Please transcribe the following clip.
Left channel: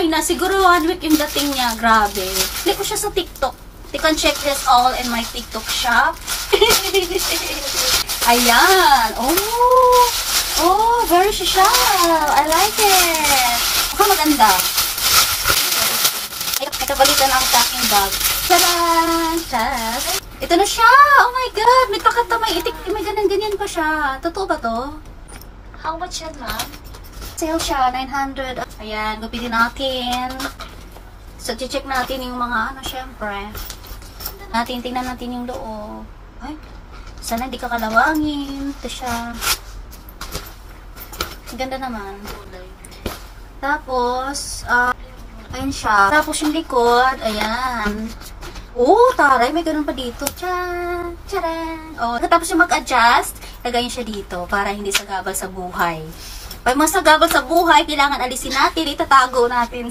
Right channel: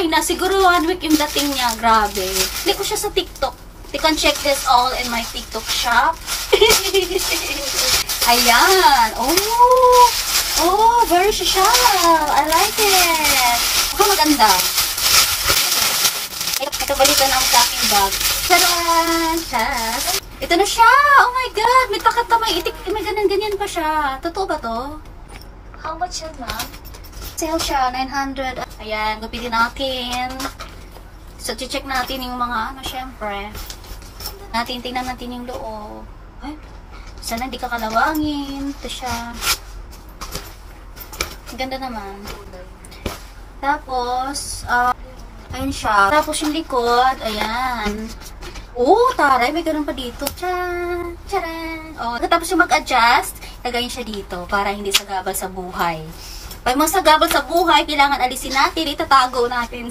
Ay na, siguro 1 week yung dating niya. Grabe. Hindi ko siya sa TikTok. You can check this all in my TikTok shop. Ayan. Oh. Oh, very social. I like it. Mukhang maganda. Ito balikan ang packing bag. Tadaan! Tadaan! Ito na siya! Oh my God! May takata, may itik, may ganyan-ganyan pa siya. Totoo ba to? How much yan, ma'am? Sale siya, 900. Ayan, gupitin natin. So, check natin yung mga ano, syempre. Tingnan natin yung loob. Ay, sana hindi kakalawangin. Ito siya. Ganda naman. Tapos, ayun siya. Tapos yung likod, ayan. Oh, taray, may ganun pa dito. Tcharan! Tcharan! Oh, tapos yung mag-adjust, lagayin siya dito para hindi sagabal sa buhay. Pag masagabal sa buhay, kailangan alisin natin, itatago natin